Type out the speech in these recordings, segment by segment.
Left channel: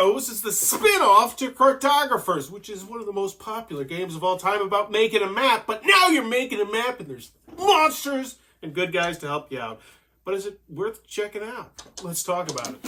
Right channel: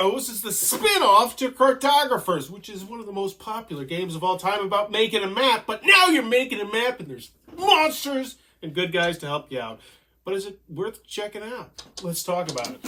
Heroes is the spin-off to Cartographers, which is one of the most popular games of all time about making a map. But now you're making a map and there's monsters and good guys to help you out. But is it worth checking out? Let's talk about it.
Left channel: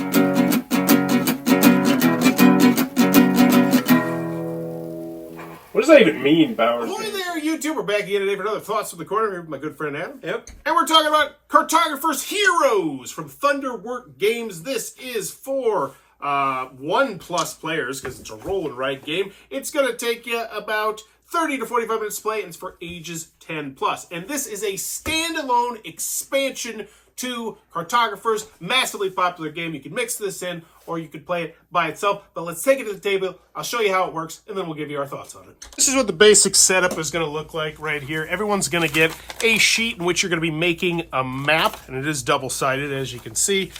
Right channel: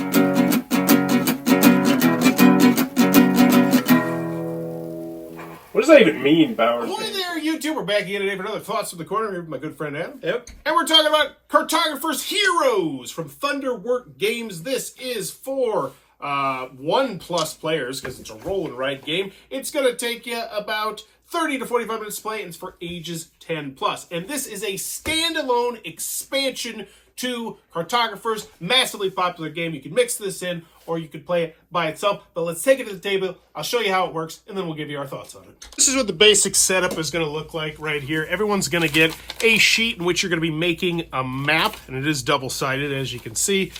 What does that even mean, Bowers? Hi there, YouTube. We're back again today for another Thoughts from the Corner here with my good friend Adam. Yep. And we're talking about Cartographers Heroes from thwart Games. This is for 1+ players because it's a roll and write game. It's going to take you about 30 to 45 minutes to play, and it's for ages 10+. And this is a standalone expansion to Cartographers, massively popular game. You can mix this in, or you could play it by itself. But let's take it to the table. I'll show you how it works, and then we'll give you our thoughts on it. This is what the basic setup is going to look like right here. Everyone's going to get a sheet in which you're going to be making a map, and it is double-sided, as you can see.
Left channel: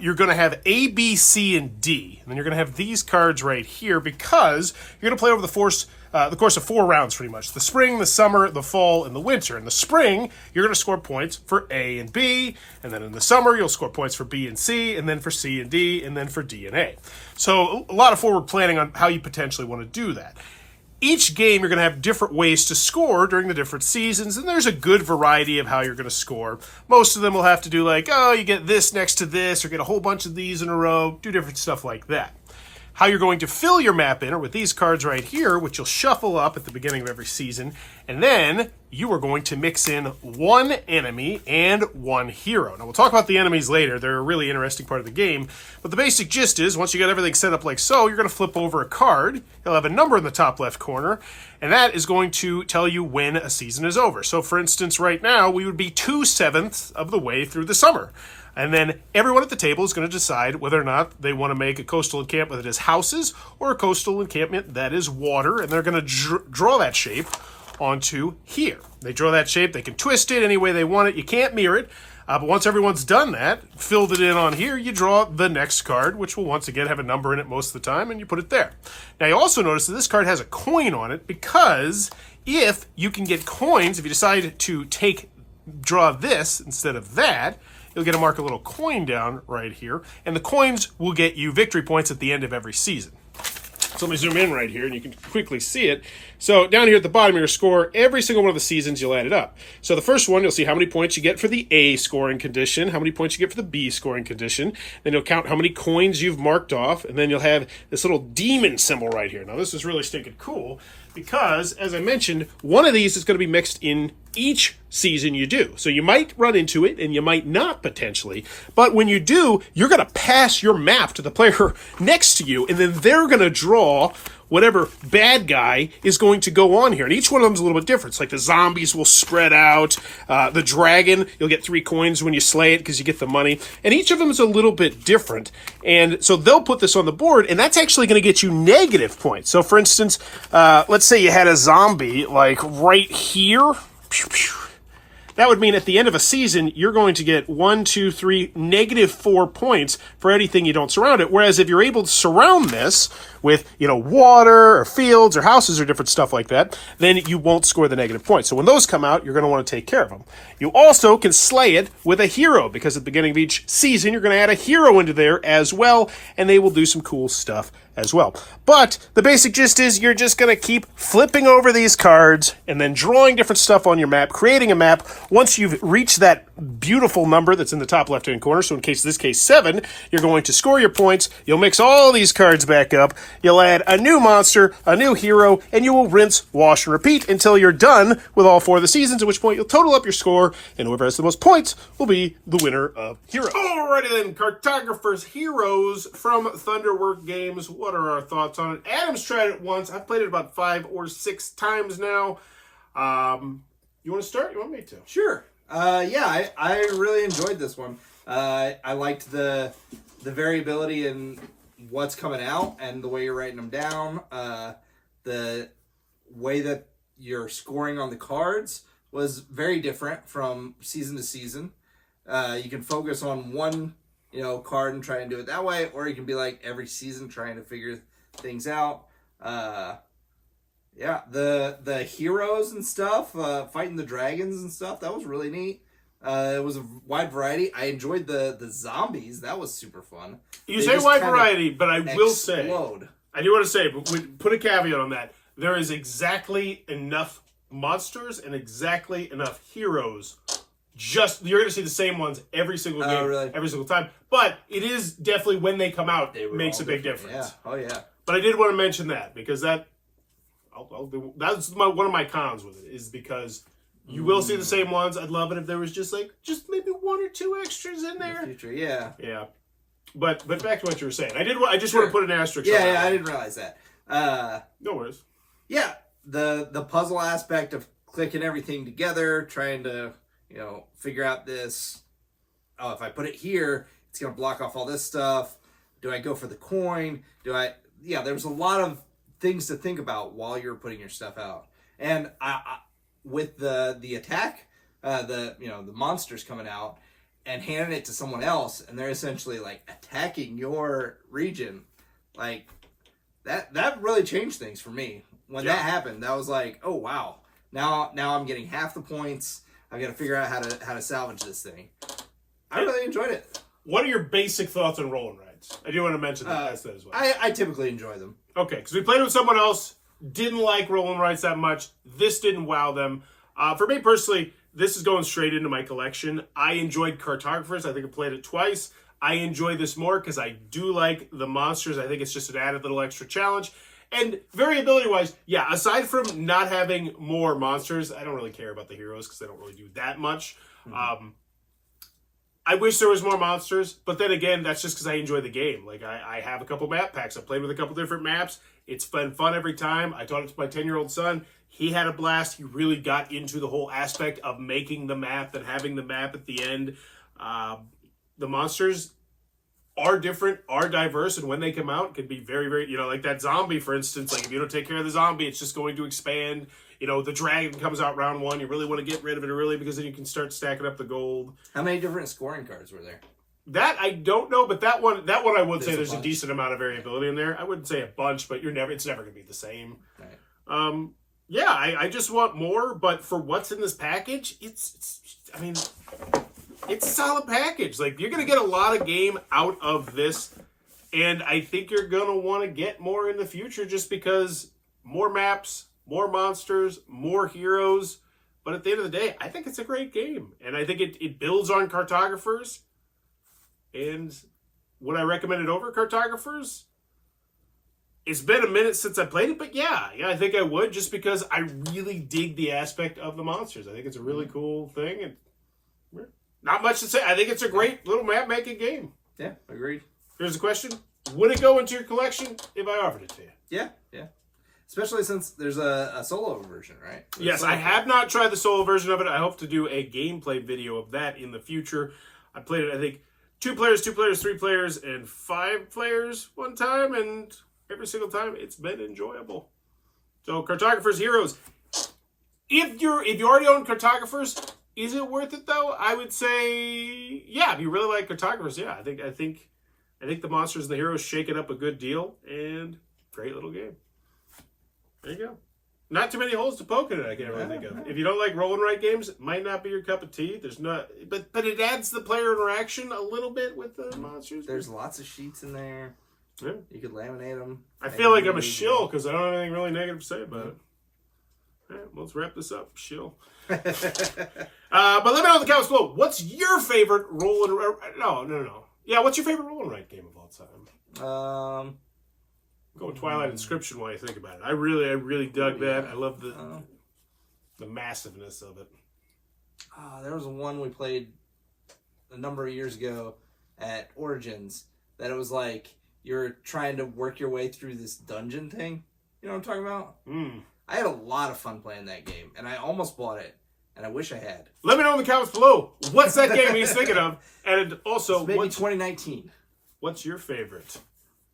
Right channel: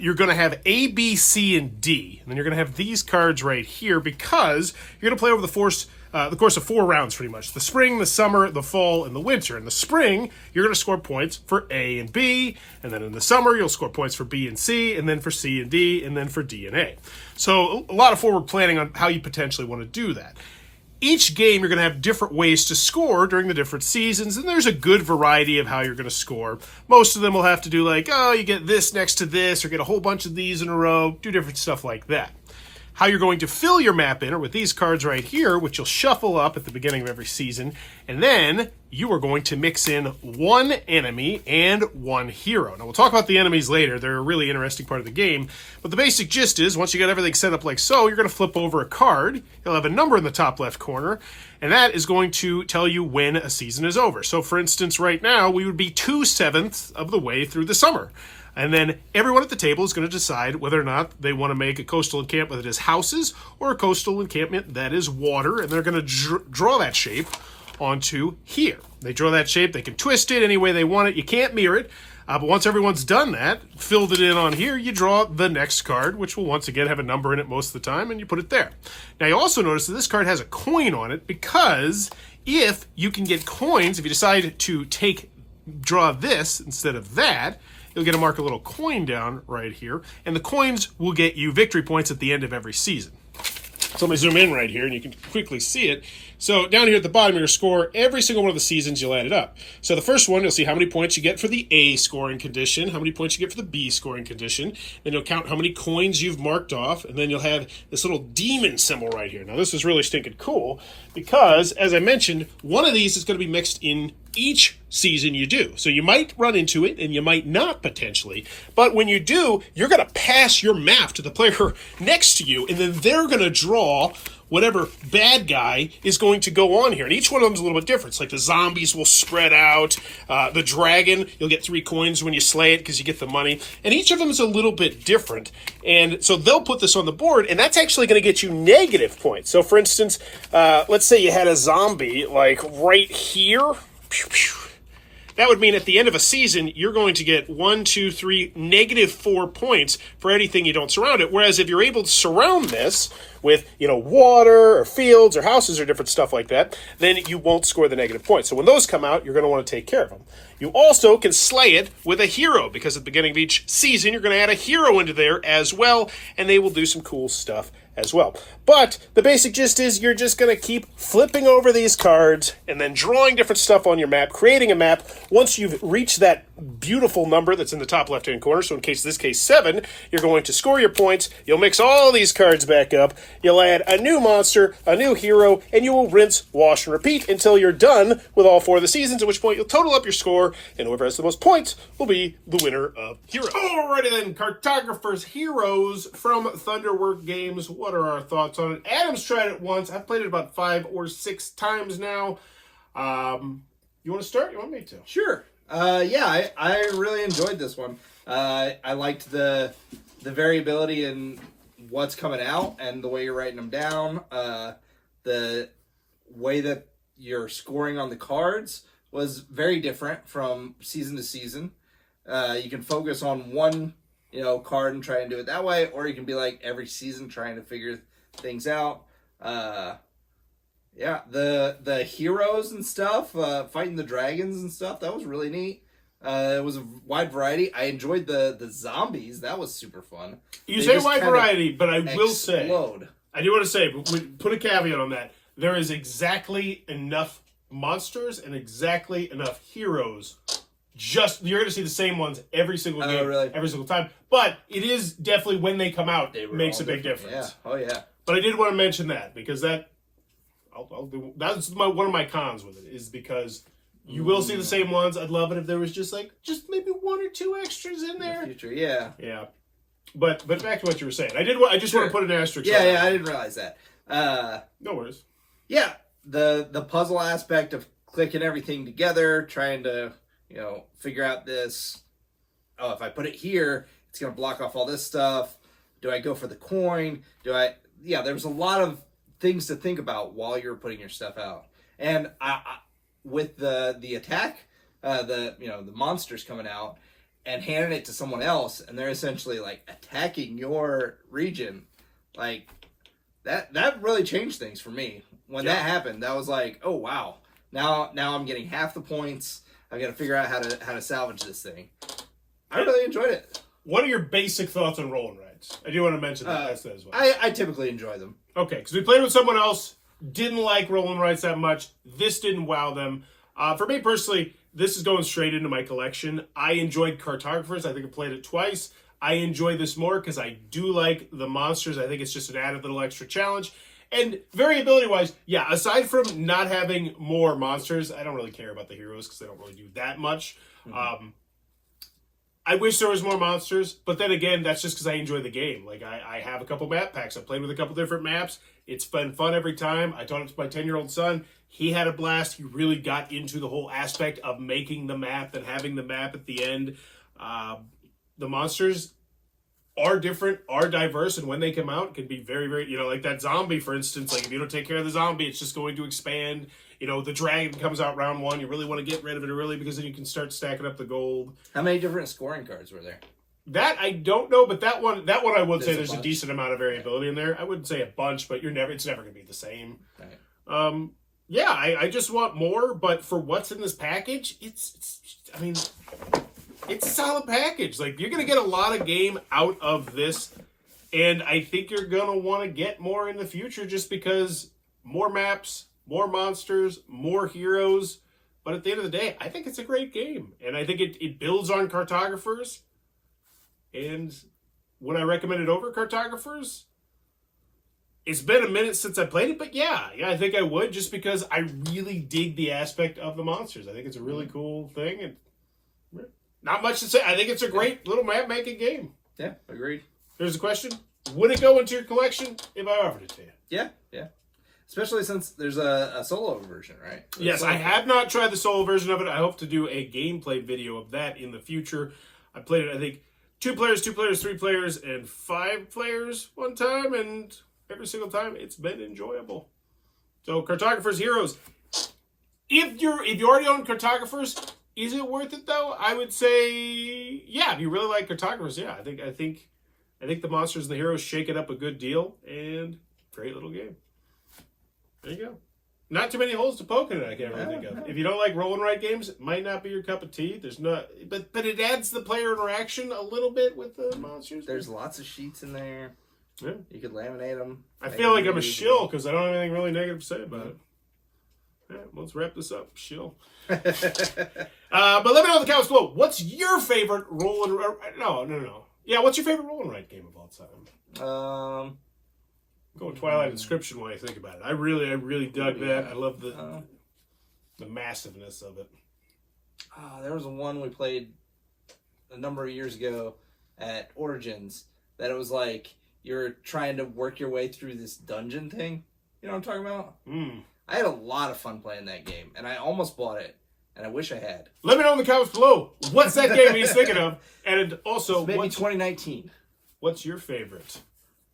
You're going to have A, B, C, and D. And then you're going to have these cards right here because you're going to play over the course of 4 rounds, pretty much. The spring, the summer, the fall, and the winter. In the spring, you're going to score points for A and B. And then in the summer, you'll score points for B and C, and then for C and D, and then for D and A. So a lot of forward planning on how you potentially want to do that. Each game, you're going to have different ways to score during the different seasons, and there's a good variety of how you're going to score. Most of them will have to do like, oh, you get this next to this, or get a whole bunch of these in a row, do different stuff like that. How you're going to fill your map in are with these cards right here, which you'll shuffle up at the beginning of every season, and then you are going to mix in 1 enemy and 1 hero. Now, we'll talk about the enemies later. They're a really interesting part of the game, but the basic gist is, once you got everything set up like so, you're going to flip over a card. You'll have a number in the top left corner, and that is going to tell you when a season is over. So, for instance, right now, we would be 2/7 of the way through the summer. And then everyone at the table is going to decide whether or not they want to make a coastal encampment that is houses or a coastal encampment that is water. And they're going to draw that shape onto here. They draw that shape. They can twist it any way they want it. You can't mirror it. But once everyone's done that, filled it in on here, you draw the next card, which will once again have a number in it most of the time, and you put it there. Now, you also notice that this card has a coin on it because if you can get coins, if you decide to draw this instead of that, you'll get to mark a little coin down right here, and the coins will get you victory points at the end of every season. So let me zoom in right here, and you can quickly see it. So down here at the bottom of your score, every single one of the seasons, you'll add it up. So the first one, you'll see how many points you get for the A scoring condition, how many points you get for the B scoring condition. Then you'll count how many coins you've marked off, and then you'll have this little demon symbol right here. Now this is really stinking cool because, as I mentioned, one of these is going to be mixed in each season you do. So you might run into it, and you might not potentially. But when you do, you're going to pass your map to the player next to you, and then they're going to draw whatever bad guy is going to go on here. And each one of them is a little bit different. It's like the zombies will spread out. The dragon, you'll get 3 coins when you slay it because you get the money. And each of them is a little bit different. And so they'll put this on the board, and that's actually going to get you negative points. So for instance, let's say you had a zombie like right here. Pew, pew. That would mean at the end of a season, you're going to get 1, 2, 3, -4 points for anything you don't surround it. Whereas if you're able to surround this with, water or fields or houses or different stuff like that, then you won't score the negative points. So when those come out, you're going to want to take care of them. You also can slay it with a hero because at the beginning of each season, you're going to add a hero into there as well, and they will do some cool stuff as well. But the basic gist is you're just going to keep flipping over these cards and then drawing different stuff on your map, creating a map. Once you've reached that beautiful number that's in the top left-hand corner, so in this case 7, you're going to score your points. You'll mix all these cards back up. You'll add a new monster, a new hero, and you will rinse, wash, and repeat until you're done with all 4 of the seasons, at which point you'll total up your score, and whoever has the most points will be the winner of Heroes. Alrighty then, Cartographers Heroes from thwart Games. What are our thoughts on it? Adam's tried it once. I've played it about 5 or 6 times now. You want to start? You want me to? Sure. Yeah, I really enjoyed this one. I liked the variability in what's coming out and the way you're writing them down. The way that you're scoring on the cards was very different from season to season. You can focus on one, card and try and do it that way, or you can be like every season trying to figure things out. Yeah, the heroes and stuff, fighting the dragons and stuff, that was really neat. It was a wide variety. I enjoyed the zombies. That was super fun. You say wide variety, but I will say, I do want to say, but put a caveat on that. There is exactly enough monsters and exactly enough heroes. You're going to see the same ones every single game, really? Every single time. But it is definitely when they come out, makes a big difference. Yeah. Oh yeah. But I did want to mention that because that's one of my cons with it is because you will see the same ones. I'd love it if there was just maybe one or two extras in there. In the future, yeah. Yeah. But back to what you were saying. I just want to put an asterisk. Yeah, I didn't realize that. No worries. Yeah, the puzzle aspect of clicking everything together, trying to figure out this. Oh, if I put it here, it's gonna block off all this stuff. Do I go for the coin? Yeah, there's a lot of things to think about while you're putting your stuff out. And I with the attack, the monsters coming out and handing it to someone else, and they're essentially like attacking your region, like that really changed things for me. When that happened, that was like, oh wow, now I'm getting half the points. I've got to figure out how to salvage this thing. I really enjoyed it. What are your basic thoughts on roll and rides? I do want to mention that as well. I typically enjoy them. Okay, because we played with someone else, didn't like roll and rides that much. This didn't wow them. For me personally, this is going straight into my collection. I enjoyed Cartographers. I think I played it twice. I enjoy this more because I do like the monsters. I think it's just an added little extra challenge. And variability-wise, yeah, aside from not having more monsters, I don't really care about the heroes because they don't really do that much. Mm-hmm. I wish there was more monsters, but then again, that's just because I enjoy the game. Like, I have a couple map packs. I played with a couple different maps. It's been fun every time. I taught it to my 10-year-old son. He had a blast. He really got into the whole aspect of making the map and having the map at the end. The monsters are different, are diverse, and when they come out, can be very, very, like that zombie, for instance. Like, if you don't take care of the zombie, it's just going to expand. The dragon comes out round one. You really want to get rid of it early because then you can start stacking up the gold. How many different scoring cards were there? That I don't know, but that one I would say there's a decent amount of variability in there. I wouldn't say a bunch, but it's never going to be the same. Right. Yeah, I just want more, but for what's in this package, it's a solid package. Like, you're going to get a lot of game out of this, and I think you're going to want to get more in the future just because more maps, more monsters, more heroes. But at the end of the day, I think it's a great game, and I think it builds on Cartographers. And would I recommend it over Cartographers? It's been a minute since I played it, but yeah, I think I would just because I really dig the aspect of the monsters. I think it's a really cool thing, and not much to say. I think it's a great little map-making game. Yeah, agreed. Here's a question. Would it go into your collection if I offered it to you? Yeah. Especially since there's a solo version, right? Yes, I have not tried the solo version of it. I hope to do a gameplay video of that in the future. I played it, I think, 2 players, 3 players, and 5 players one time, and every single time it's been enjoyable. So, Cartographers Heroes. If you already own Cartographers, is it worth it though? I would say, yeah. If you really like Cartographers, yeah. I think the monsters and the heroes shake it up a good deal, and great little game. There you go. Not too many holes to poke in it, I can't really think of. If you don't like roll and write games, it might not be your cup of tea. But it adds the player interaction a little bit with the monsters. There's lots of sheets in there. Yeah. You could laminate them. I feel like I'm a shill because I don't have anything really negative to say about it. All right, let's wrap this up. Shill. But let me know in the comments below. What's your favorite roll and no. Yeah, what's your favorite roll and write game of all time? I'm going Twilight Inscription when I think about it. I really dug that. I love the massiveness of it. There was one we played a number of years ago at Origins that it was like you're trying to work your way through this dungeon thing. You know what I'm talking about? I had a lot of fun playing that game, and I almost bought it, and I wish I had. Let me know in the comments below. What's that game he's thinking of? And also, maybe 2019. What's your favorite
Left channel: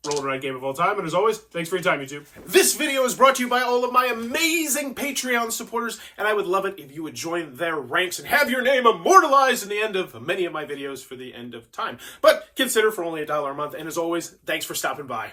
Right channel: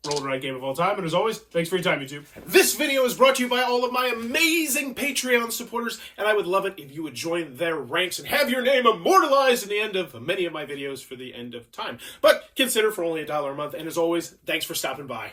roll and write game of all time? And as always, thanks for your time, YouTube. This video is brought to you by all of my amazing Patreon supporters, and I would love it if you would join their ranks and have your name immortalized in the end of many of my videos for the end of time. But consider for only $1 a month, and as always, thanks for stopping by.